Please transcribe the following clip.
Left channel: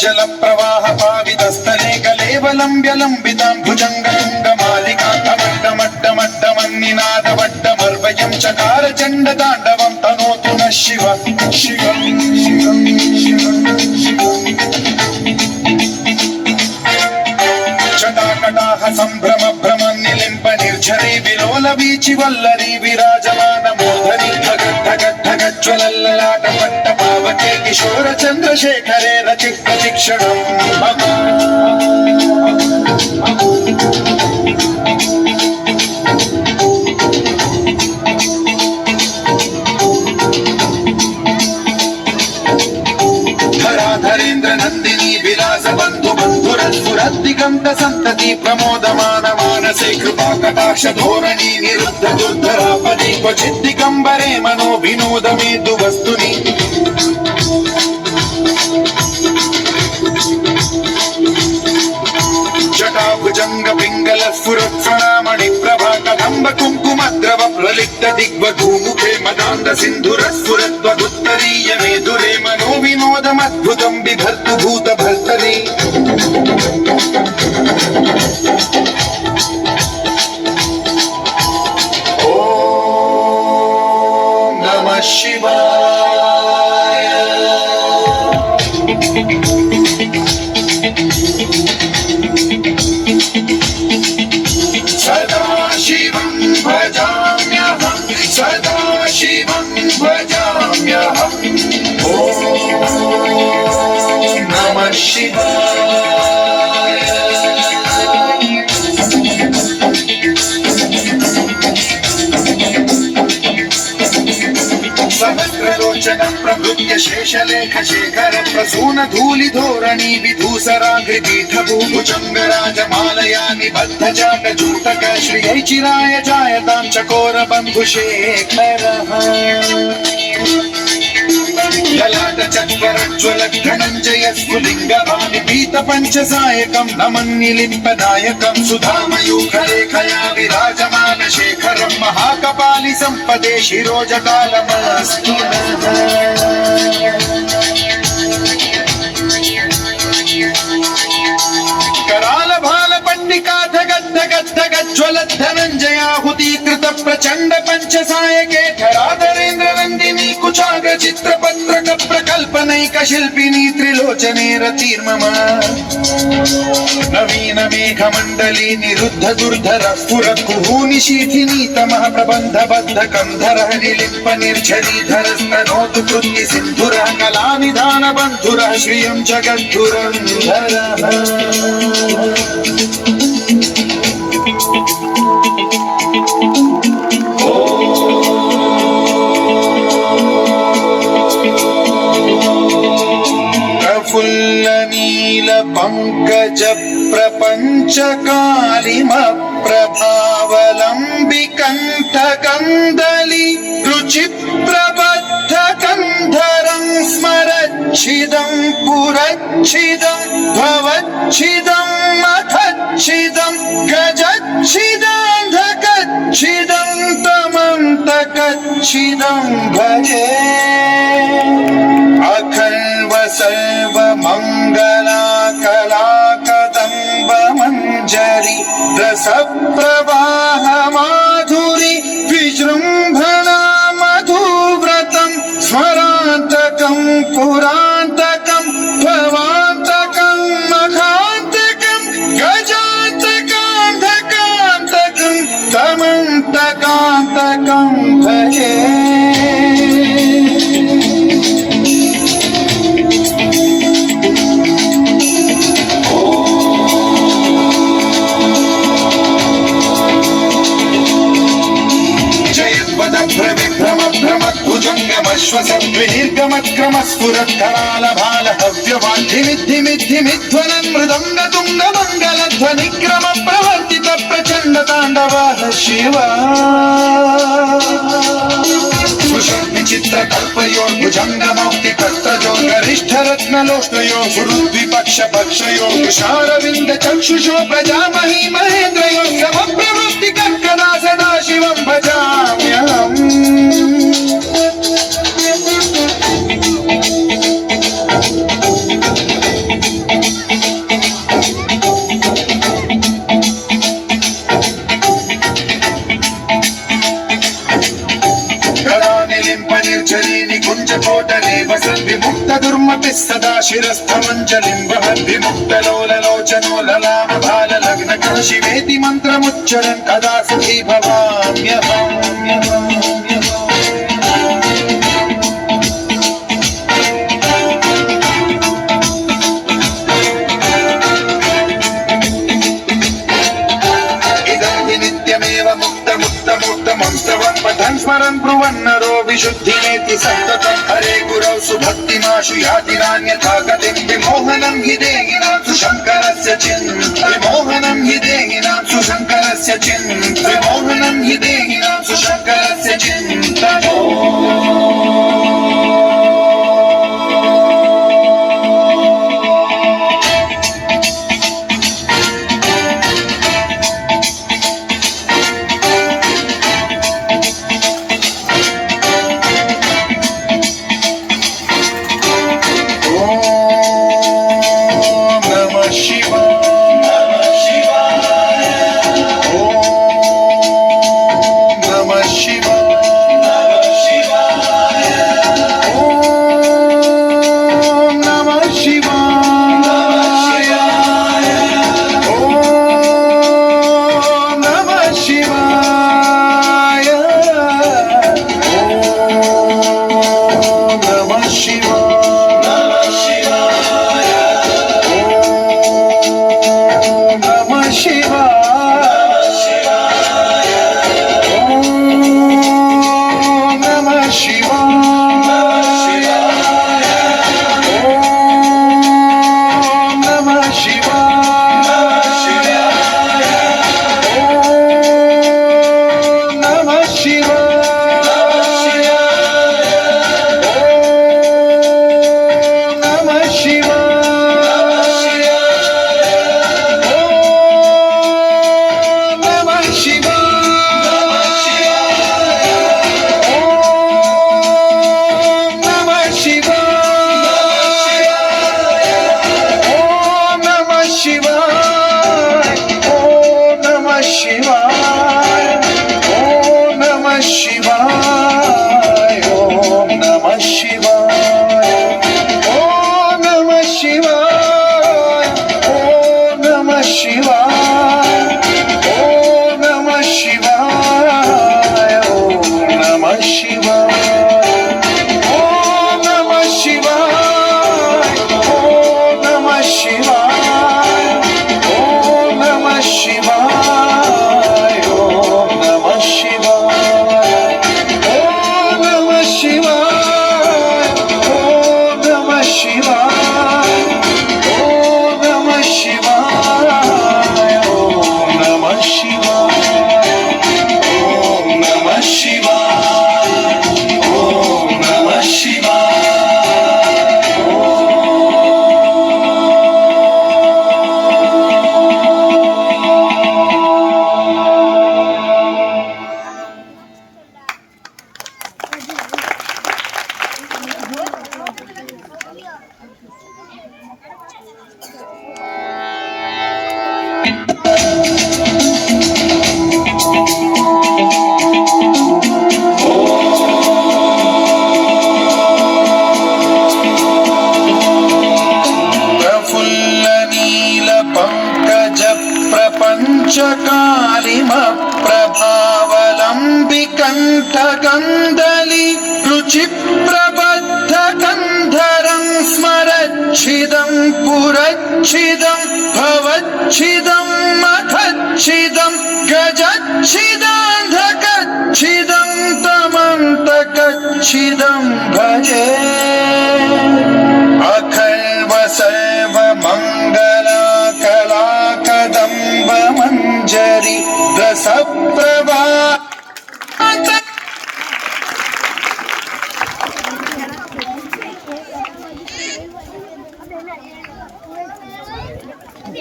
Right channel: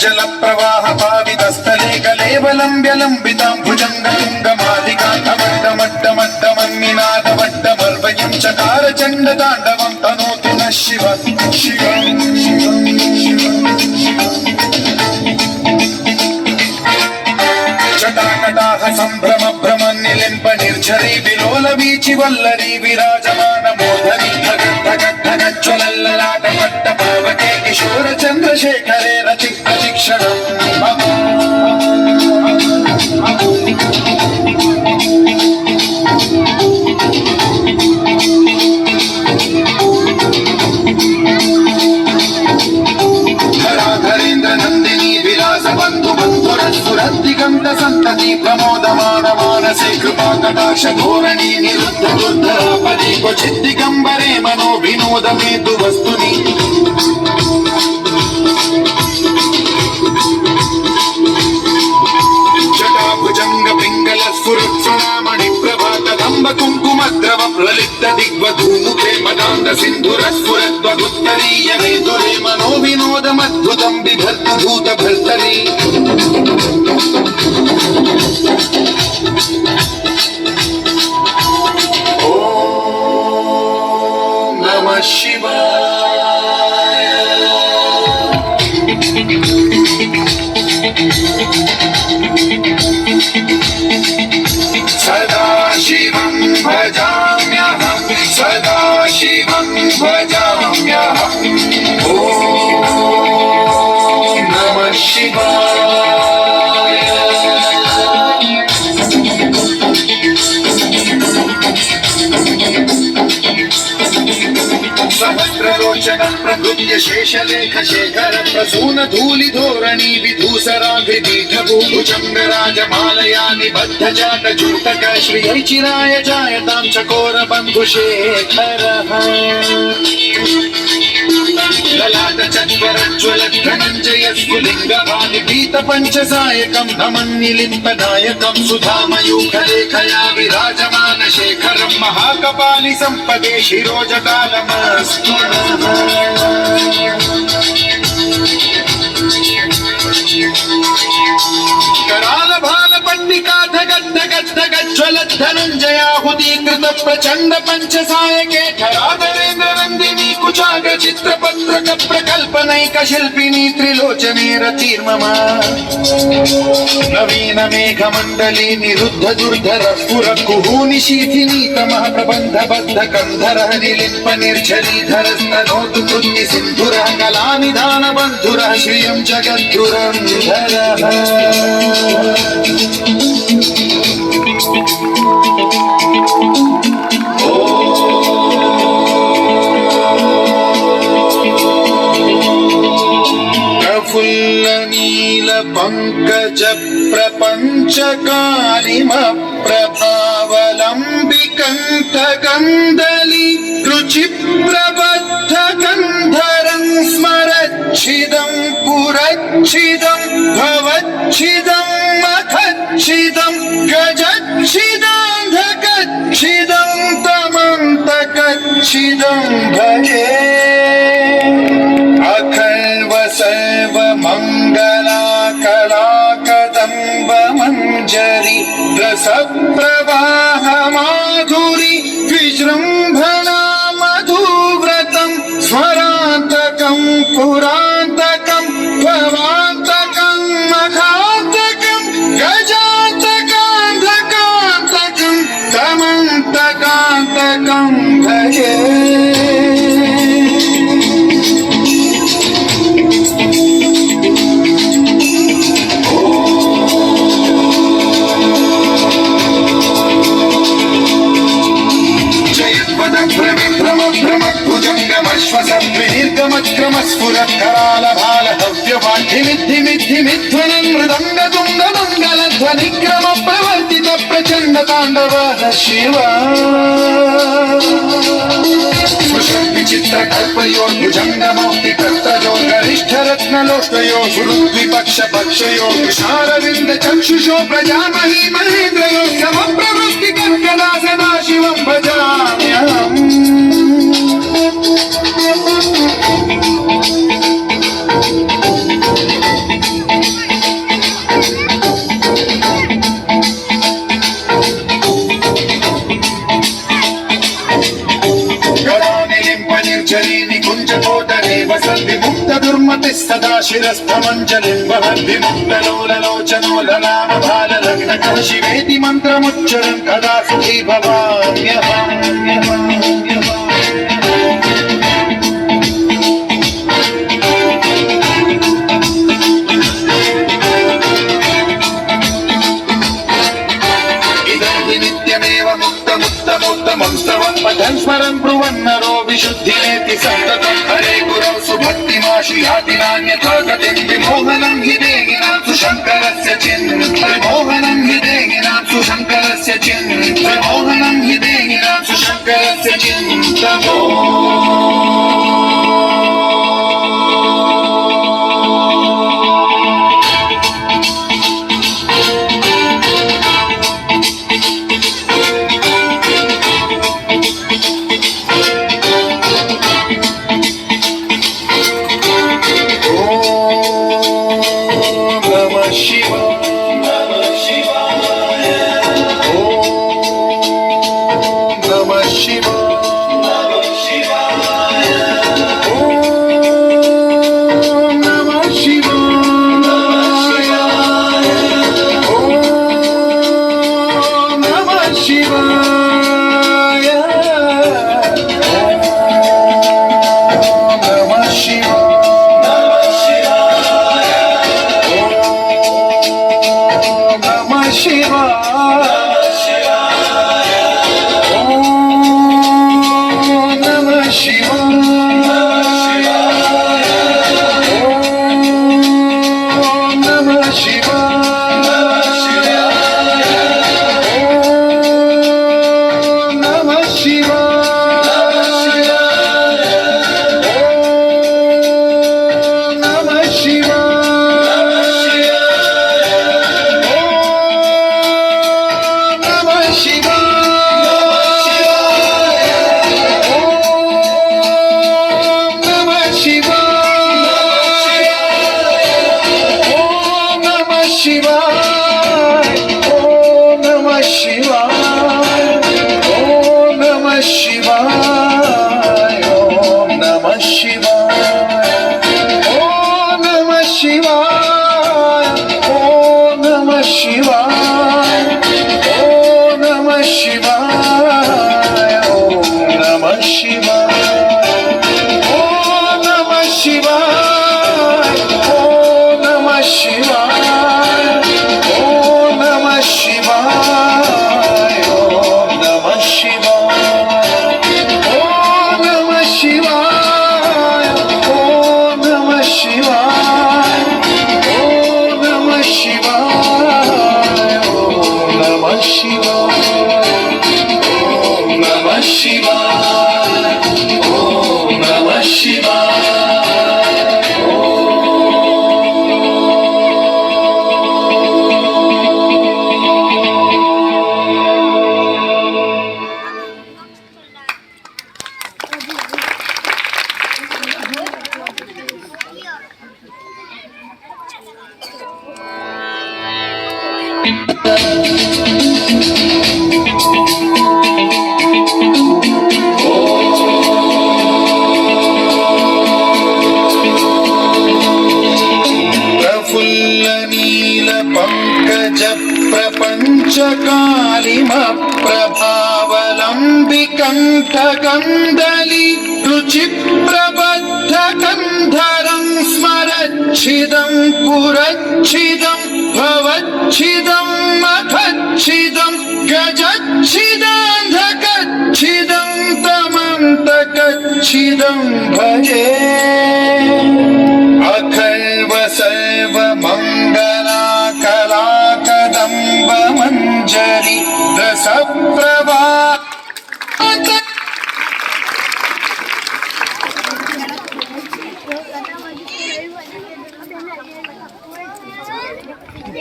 जल प्रवाह पावितस्थले कलेवलम्ब्यलम्बितां भुजङ्गलिङ्गमालिकाकमड्डमड्डमड्डमन्निनादवड्डमर्वयं चकार चण्डताण्डवं तनोतु नः शिव जटाकटाह सम्भ्रम भ्रमन्निलिम्ब निर्झरी विलोल वीचि वल्लरी विराजमान मोदरी धगद्धगद्धगज्ज्वलल्ललाट पट्ट पावके किशोर चन्द्रशेखरे रचित प्रशिक्षणम् दिगंत संतति प्रमोदमान मानसे कृपा कटाक्ष धोरणी निरुद्ध दुर्धरापदि क्वचित् दिगंबरे मनो विनोद मेतु वस्तुनि जटाभुजंग पिंगल स्फुरत्सणामणि प्रभा कदंब कुंकुमद्रव प्रलिप्त दिग्वधूमुखे मदान्ध सिन्धुर स्फुरद्वदुत्तरीय मेधुरे मनो विनोदमद्भुतं बिभर्तु भूत भर्तरि ओम नमः शिवाय सदा शिवं भजाम्यहं सदा शिवं भजाम्यहं ओम नमः शिवाय सहस्रलोचन प्रभृत्य शेषलेख शेखर प्रसून धूलि धोरणी विधूसराग्रिपीठ भूभुजंगराजमालया निबद्ध जाट जूटक श्रियै चिराय जायतां चकोर बन्धुशेखरः ललाट चत्वरज्ज्वल धनञ्जय स्फुलिङ्गभानिपीत पञ्चसायकं नमन्निलिम्पदायकं सुधामयूखलेखया विराजमान शेखरं महाकपालि सम्पदे शिरोजटालमस्तु कराल भाल पट्टिका धगद्धगद्धगज्ज्वल धनञ्जयाहुतीकृत प्रचण्ड पञ्चसायके धराधरेन्द्र नन्दिनी कुचाग चित्रपत्रक प्रकल्पनैक शिल्पिनी त्रिलोचने रतिर्मम नवीन मेघमण्डली निरुद्ध दुर्धर स्फुर कुहूनि शीथिनी तमः प्रबन्ध बद्ध कन्धरः निलिम्प निर्झरीधर स्तनोतु कृत्ति सिन्धुरः कलानिधान बन्धुरः श्रियं जगद्धुरन्धरः प्रफुल्ल नील पंकज प्रपंच कालिम प्रभावलंबिकंठ गंधली रुचि प्रबद्ध गंधरं स्मरच्छिदं पुरच्छिदं भवच्छिदं मखच्छिदं गजच्छिदान्धकच्छिदं तमन्तकच्छिदं भजे अखण्ड सर्व मंगला कला कदम्ब मंजरी रस प्रवाह माधुरी विजृंभणा मधुव्रतं स्वरान्तकं पुरान्तकं भवान्तकं मखान्तकं गजान्तकान्धकान्तकं तमन्तकान्तकं भजे स्फुरत्कराल भाल हव्यवाद्धिमिद्धिमिद्धिमिध्वनं मृदङ्गतुङ्ग मङ्गलध्वनिक्रम प्रवर्तित प्रचण्ड ताण्डवः शिव विचित्र कल्पयो भुजङ्गमौक्ति कर्तयो गरिष्ठ रत्नलोष्टयो गुरुद्विपक्ष पक्षयो तुषारविन्द चक्षुषो प्रजामहि महेन्द्रयो समप्रवृष्टि कर्कदा सदा शिवं भजाम्यहम् పంచకోటనే వసంతి ముక్త దుర్మతి సదా శిరస్థమంజలిం వహంతి ముక్తలోలలోచనోలలాభాల లగ్న శివేతి మంత్రముచ్చరన్ కదా సుఖీ భవామ్యహం. స్మరం బ్రువన్నరో విశుద్ధినేతి సంతతం హరే గురౌ సుభక్తిమాశు యాతి నాన్యథా గతిం విమోహనం హి దేహినాంసు శంకరస్య విమోహనం హి దేహినాంసు శంకరస్య విమోహనం హి దేహినాంసు శంకరస్య చింతమో. प्रभावलम्बिकण्ठकन्दली रुचिप्रबद्धकन्धरं स्मरच्छिदं पुरच्छिदं भवच्छिदं मखच्छिदं गजच्छिदान्धकच्छिदं तमन्तकच्छिदं भजे अखण्ड